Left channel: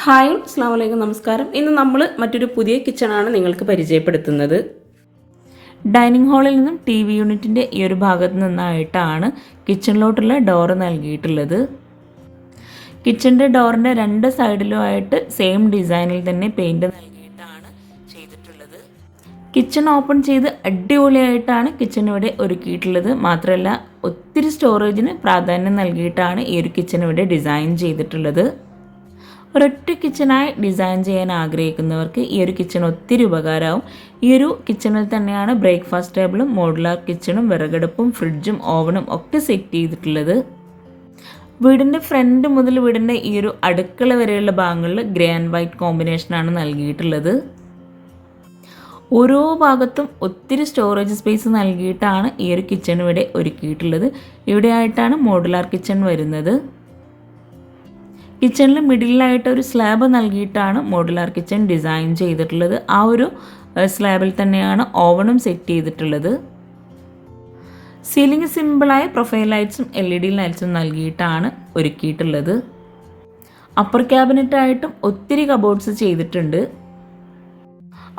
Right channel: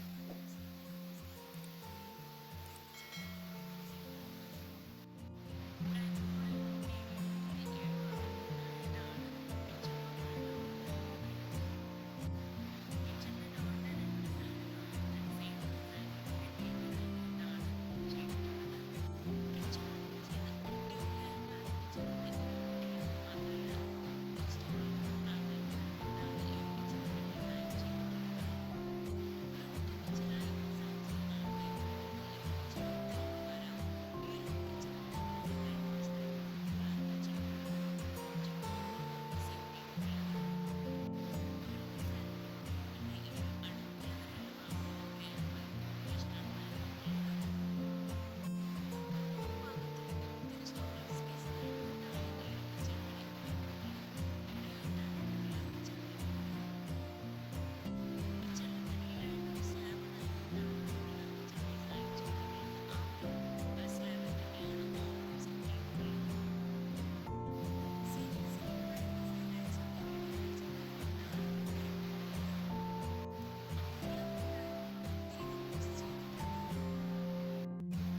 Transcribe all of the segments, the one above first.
Hi അസ്സാം നമസ്കാരം. ഇന്ന് നമ്മൾ മറ്റൊരു പുതിയ കിച്ചണാണ് നിങ്ങൾക്ക് പരിചയപ്പെടുത്തുന്നത്. ഡൈനിങ് ഹാളിൽ നിന്നും ടി വി യൂണിറ്റിന്റെ ഈ ഒരു ഭാഗത്ത് നിന്നായിട്ടാണ് കിച്ചണിലോട്ടുള്ള ഡോറ് നൽകിയിട്ടുള്ളത്. കിച്ചണിന്റെ ഡോറിന്റെ രണ്ട് സൈഡിലുമായിട്ട് സെയിം ഡിസൈനിൽ തന്നെ പെയിന്റ് നൽകിയിട്ടാണ് ചെയ്തിട്ടുള്ളത്. കിച്ചൺ ഓപ്പൺ ചെയ്ത് അടിപൊളിയായിട്ടാണ് കിച്ചൺ ഇവിടെ ഒരുക്കിയിട്ടുള്ളത്. മാത്രമല്ല ഒത്തിരി സ്റ്റോറേജിന് പ്രാധാന്യം നൽകിയിട്ടാണ് ഈ ഒരു കിച്ചൺ ഇവിടെ ഡിസൈൻ ചെയ്തിട്ടുള്ളത്. ഒരൊറ്റ കിച്ചണായി ഡിസൈൻ ചെയ്യാൻ ആഗ്രഹിക്കുന്നവർക്ക് ഈ ഒരു കിച്ചൺ ഒത്തിരി ഉപകാരമാവും. ഈ ഒരു കിച്ചണിൽ തന്നെയാണ് ബ്രേക്ക്ഫാസ്റ്റ് ടേബിളും മോഡുലാർ കിച്ചണും വിറകടുപ്പും ഫ്രിഡ്ജും ഓവനും ഒക്കെ സെറ്റ് ചെയ്തിട്ടുള്ളത്. വീടിന്റെ ഫ്രണ്ട് മുതൽ വീടിന്റെ ഈ ഒരു അടുക്കള വരെയുള്ള ഭാഗങ്ങളിൽ ഗ്രേ ആൻഡ് വൈറ്റ് കോമ്പിനേഷനാണ് നൽകിയിട്ടുള്ളത്. ഓരോ ഭാഗത്തും ഒത്തിരി സ്റ്റോറേജ് സ്പേസ് നൽകിയിട്ടാണ് ഈ ഒരു കിച്ചൺ ഇവിടെ ഒരുക്കിയിട്ടുള്ളത്. ഇവിടെയായിട്ടാണ് മോഡുലാർ കിച്ചൺ വരുന്നത്. കിച്ചണിൽ മിഡിലായിട്ട് ഒരു സ്ലാബ് നൽകിയിട്ടാണ് മോഡുലാർ കിച്ചൺ ഡിസൈൻ ചെയ്തിട്ടുള്ളത്. ആ ഒരു സ്ലാബിൽ തന്നെയാണ് ഓവണും സെറ്റ് ചെയ്തിട്ടുള്ളത്. സീലിംഗ് സിമ്പിളായ പ്രൊഫൈൽ ലൈറ്റ്സും എൽ ഇ ഡി ലൈറ്റ്സും നൽകിയിട്ടാണ് ഒരുക്കിയിട്ടുള്ളത്. അപ്പർ ക്യാബിനറ്റായിട്ടും ഒത്തിരി കബോർഡ്സ് ചെയ്തിട്ടുണ്ട്.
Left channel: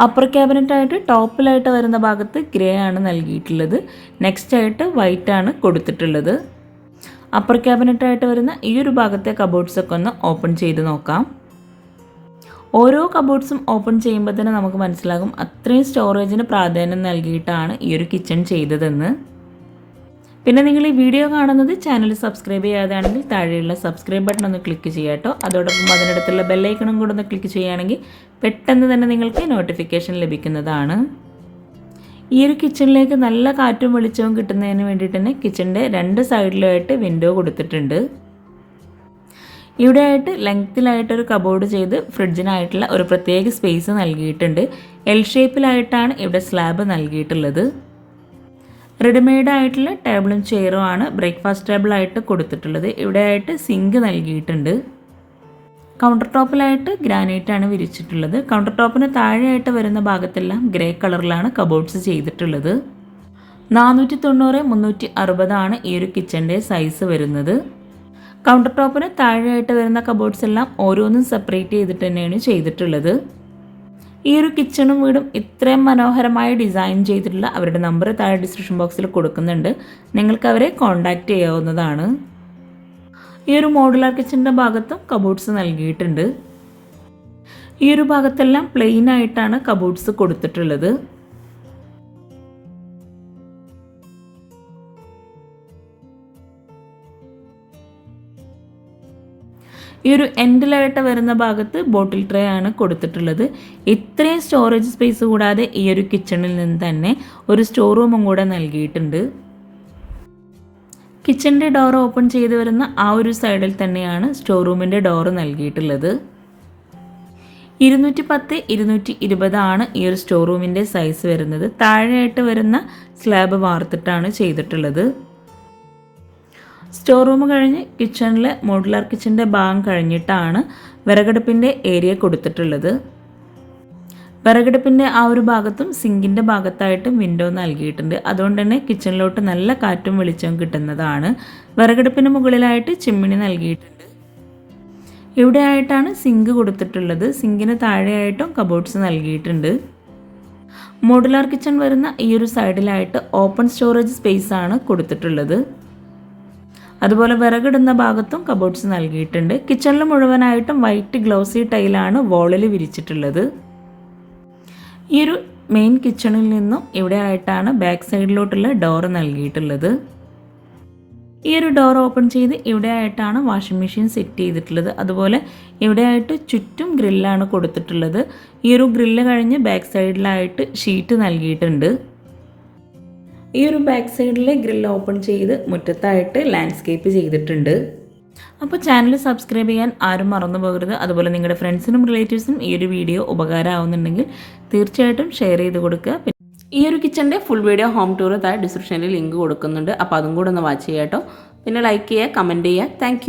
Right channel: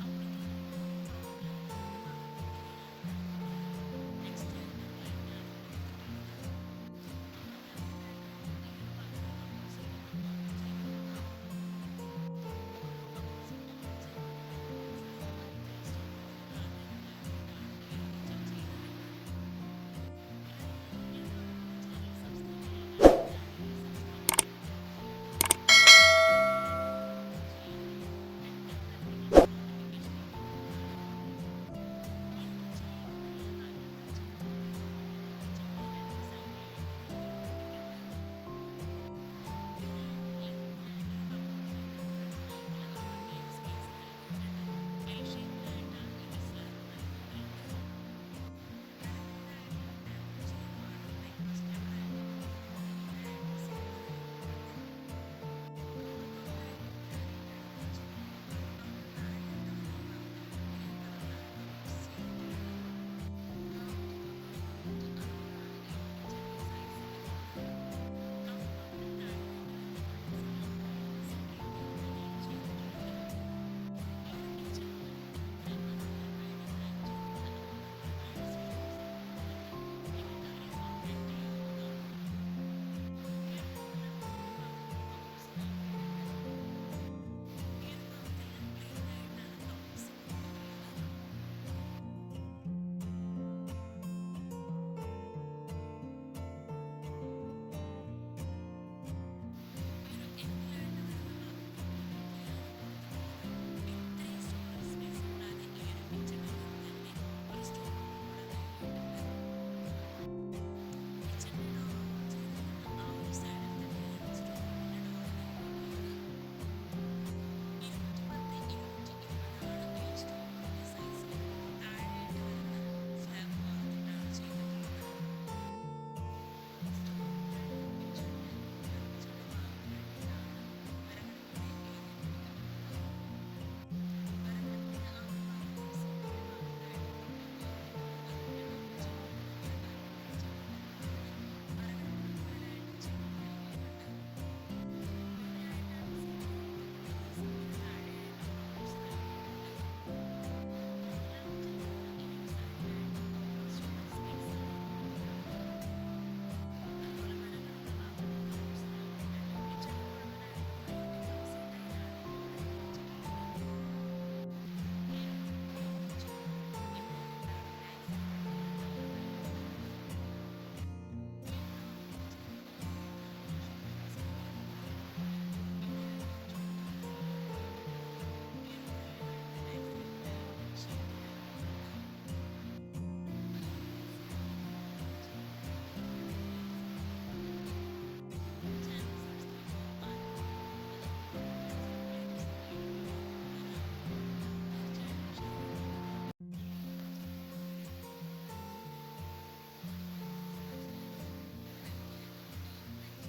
അപ്പർ ക്യാബിനറ്റായിട്ട് ടോപ്പിലായിട്ട് വരുന്ന ഭാഗത്ത് ഗ്രേ ആണ് നൽകിയിട്ടുള്ളത്. നെക്സ്റ്റ് ആയിട്ട് വൈറ്റ് ആണ് കൊടുത്തിട്ടുള്ളത്. അപ്പർ ക്യാബിനറ്റായിട്ട് വരുന്ന ഈ ഒരു ഭാഗത്തെ കബോർഡ്സൊക്കെ ഒന്ന് ഓപ്പൺ ചെയ്ത് നോക്കാം. ഓരോ കബോർഡ്സും ഓപ്പൺ ചെയ്യുമ്പോൾ തന്നെ നമുക്ക് മനസ്സിലാകും അത്രയും സ്റ്റോറേജിന് പ്രാധാന്യം നൽകിയിട്ടാണ് ഈ ഒരു കിച്ചൺ ചെയ്തതെന്ന്. പിന്നെ നിങ്ങൾ ഈ വീഡിയോ കാണുന്നത് ചാനൽ സബ്സ്ക്രൈബ് ചെയ്യാതാണെങ്കിൽ താഴെയുള്ള സബ്സ്ക്രൈബ് ബട്ടൺ ഒന്ന് ക്ലിക്ക് ചെയ്യാം കേട്ടോ. അതോടൊപ്പം അതിനടുത്തുള്ള ബെല്ലൈക്കണും കൂടെ ഒന്ന് ക്ലിക്ക് ചെയ്യുകയാണെങ്കിൽ പെട്ടെന്ന് തന്നെ നിങ്ങൾക്ക് നോട്ടിഫിക്കേഷൻ ലഭിക്കുന്നതാണ്. ഈ ഒരു കിച്ചണിലേക്ക് നല്ല കാറ്റും വെളിച്ചവും കിട്ടുന്നതിന് വേണ്ടിയിട്ട് തന്നെ കിച്ചണിന്റെ രണ്ട് സൈഡിലുമായിട്ട് വിൻഡോ കൊടുത്തിട്ടുണ്ട്. ഇവിടെ ആയിട്ട് ലെങ്ത്തിലായിട്ടൊരു കബോർഡ് ചെയ്ത് ഫ്രിഡ്ജിനായിട്ടുള്ള ഒരു പ്രത്യേക സ്പേസ് നൽകിയിട്ടുണ്ട്. എൽ ഷേപ്പിലായിട്ടാണ് ഇവിടെ സ്ലാബ് നൽകിയിട്ടുള്ളത്. റെഡിമെയ്ഡ് ആയിട്ടുള്ള ടേബിളും ചെയറും ആണ് ബ്രേക്ക്ഫാസ്റ്റ് ടേബിളായിട്ട് കൊടുത്തിട്ടുള്ളത്. ഇവിടെ ആയിട്ട് സിങ്ക് നൽകിയിട്ടുണ്ട്. കൗണ്ടർ ടോപ്പിലായിട്ട് ഗ്രാനൈറ്റ് ആണ് വിരിച്ചിട്ടുള്ളത്. കൗണ്ടർ ടോപ്പിന് താഴെയായിട്ട് വരുന്ന ഭാഗത്തെല്ലാം ഗ്രേ കളറിലാണ് കബോർഡ്സ് ചെയ്തിട്ടുള്ളത്. നാനൂറ്റി തൊണ്ണൂറ് മുന്നൂറ്റി അറുപതാണ് ഈ ഒരു കിച്ചന്റെ സൈസ് വരുന്നത്. കൗണ്ടർ ടോപ്പിന് താഴെയായിട്ട് വരുന്ന കബോർഡ്സ് എല്ലാം ഓരോന്നും സെപ്പറേറ്റ് ചെയ്തിട്ട് തന്നെയാണ് ചെയ്തിട്ടുള്ളത്. ഈ ഒരു കിച്ചണും വീടും ഇത്രയും മനോഹരമായി ഡിസൈൻ ചെയ്തിട്ടുള്ള അവരുടെ നമ്പർ താഴെ ഡിസ്ക്രിപ്ഷൻ ബോക്സിൽ കൊടുക്കുന്നുണ്ട്. നിങ്ങൾക്ക് അവരെ കോൺടാക്റ്റ് ചെയ്യാവുന്നതാണ്. ഈ ഒരു മോഡുലാർ കിച്ചന്റെ ഭാഗത്തും കബോർഡ്സ് നൽകിയിട്ടുണ്ട്. ഈ ഒരു ഭാഗത്തെല്ലാം പ്ലെയിൻ ആയിട്ടാണ് കബോർഡ്സ് കൊടുത്തിട്ടുള്ളത്. ഈ ഒരു എൻഡിലായിട്ട് വരുന്ന ഭാഗത്ത് ബോട്ടിൽ ട്രേ ആണ് കൊടുത്തിട്ടുള്ളത്. ഇത്രയും സ്റ്റോറേജ് സ്പേസ് കൂടാതെ ഈ ഒരു കിച്ചണിൽ നിന്ന് തന്നെ ഒരു സ്റ്റോർ റൂമും കൂടെ നൽകിയിട്ടുണ്ട്. കിച്ചന്റെ ഡോർ ഓപ്പൺ ചെയ്ത് വരുന്ന ആ ഒരു സൈഡിൽ തന്നെയാണ് സ്റ്റോർ റൂമിന്റെ ഡോറ് നൽകിയിട്ടുള്ളത്. ഇരുന്നൂറ്റി പത്ത് ഇരുന്നൂറ്റി ഇരുപതാണ് ഈ ഒരു സ്റ്റോർ റൂമിന്റെ സൈസ് വരുന്നത്. താഴെയായിട്ട് വരുന്ന സ്ലാബ് വാർത്തിട്ടാണ് ചെയ്തിട്ടുള്ളത്. സ്റ്റോർ റൂം കഴിഞ്ഞ് കിച്ചണിലെ മോഡുലാർ കിച്ചന്റെ ഭാഗം കഴിഞ്ഞിട്ടാണ് വിറകടുപ്പിന്റെ ഏരിയ കൊടുത്തിട്ടുള്ളത്. വിറകടുപ്പിന്റെ ആ ഒരു ഭാഗത്തും സിങ്കിന്റെ ഭാഗത്തായിട്ടും വിൻഡോ നൽകിയിട്ടുണ്ട്. അതുകൊണ്ട് തന്നെ കിച്ചണിലോട്ട് നല്ല കാറ്റും വെളിച്ചവും കിട്ടുന്നതാണ്. വിറകടുപ്പിന് മുകളിലായിട്ട് ചിമ്മിണി നൽകിയിട്ടുണ്ട്. ഇവിടെ ആയിട്ടാണ് സിങ്ക് കൊടുത്തിട്ടുള്ളത്. സിങ്കിന് താഴെയായിട്ടും കബോർഡ്സ് നൽകിയിട്ടുണ്ട്. മോഡുലാർ കിച്ചൺ വരുന്ന ഈ ഒരു സൈഡിലായിട്ട് ഓപ്പൺ സ്റ്റോറേജ് സ്പേസ് ആണ് കൊടുത്തിട്ടുള്ളത്. അതുപോലെ വിറകിടുന്ന ഭാഗത്തും കബോർഡ്സ് നൽകിയിട്ടുണ്ട്. കിച്ചണിൽ മുഴുവനായിട്ടും വൈറ്റ് ഗ്ലോസി ടൈലാണ് വോളിൽ വിരിച്ചിട്ടുള്ളത്. ഈ ഒരു മെയിൻ കിച്ചണിൽ നിന്നും ഇവിടെ ആയിട്ടാണ് ബാക്ക് സൈഡിലോട്ടുള്ള ഡോർ നൽകിയിട്ടുള്ളത്. ഈ ഒരു ഡോർ ഓപ്പൺ ചെയ്ത് ഇവിടെ ആയിട്ടാണ് വാഷിംഗ് മെഷീൻ സെറ്റ് ചെയ്തിട്ടുള്ളത്. അതുപോലെ ഇവിടെ ആയിട്ട് ചുറ്റും ഗ്രില്ലാണ് കൊടുത്തിട്ടുള്ളത്. ഈ ഒരു ഗ്രില്ല് കഴിഞ്ഞ് ബാക്ക് സൈഡിലായിട്ട് ഷീറ്റ് നൽകിയിട്ടുണ്ട്. ഈ ഒരു ബാക്ക് സൈഡിലെ ഗ്രില്ല് ഓപ്പൺ ചെയ്ത് മുറ്റത്തായിട്ട് ലാൻഡ്സ്കേപ്പ് ചെയ്തിട്ടുണ്ട്. അപ്പോൾ ചാനൽ സബ്സ്ക്രൈബ് ചെയ്യാൻ ആരും മറന്നു പോകരുത്. അതുപോലെ നിങ്ങളുടെ ഫ്രണ്ട്സിനും റിലേറ്റീവ്സിനും ഈ ഒരു വീഡിയോ ഉപകാരമാവുന്നുണ്ടെങ്കിൽ തീർച്ചയായിട്ടും ഷെയർ ചെയ്ത് കൊടുക്കുക. ഈ ഒരു കിച്ചന്റെ ഫുൾ വീഡിയോ ഹോം ടൂർ താഴെ ഡിസ്ക്രിപ്ഷനിൽ ലിങ്ക് കൊടുക്കുന്നുണ്ട്. അപ്പോൾ അതും കൂടെ ഒന്ന് വാച്ച് ചെയ്യാം കേട്ടോ പിന്നെ ലൈക്ക് ചെയ്യുക കമന്റ് ചെയ്യുക. താങ്ക്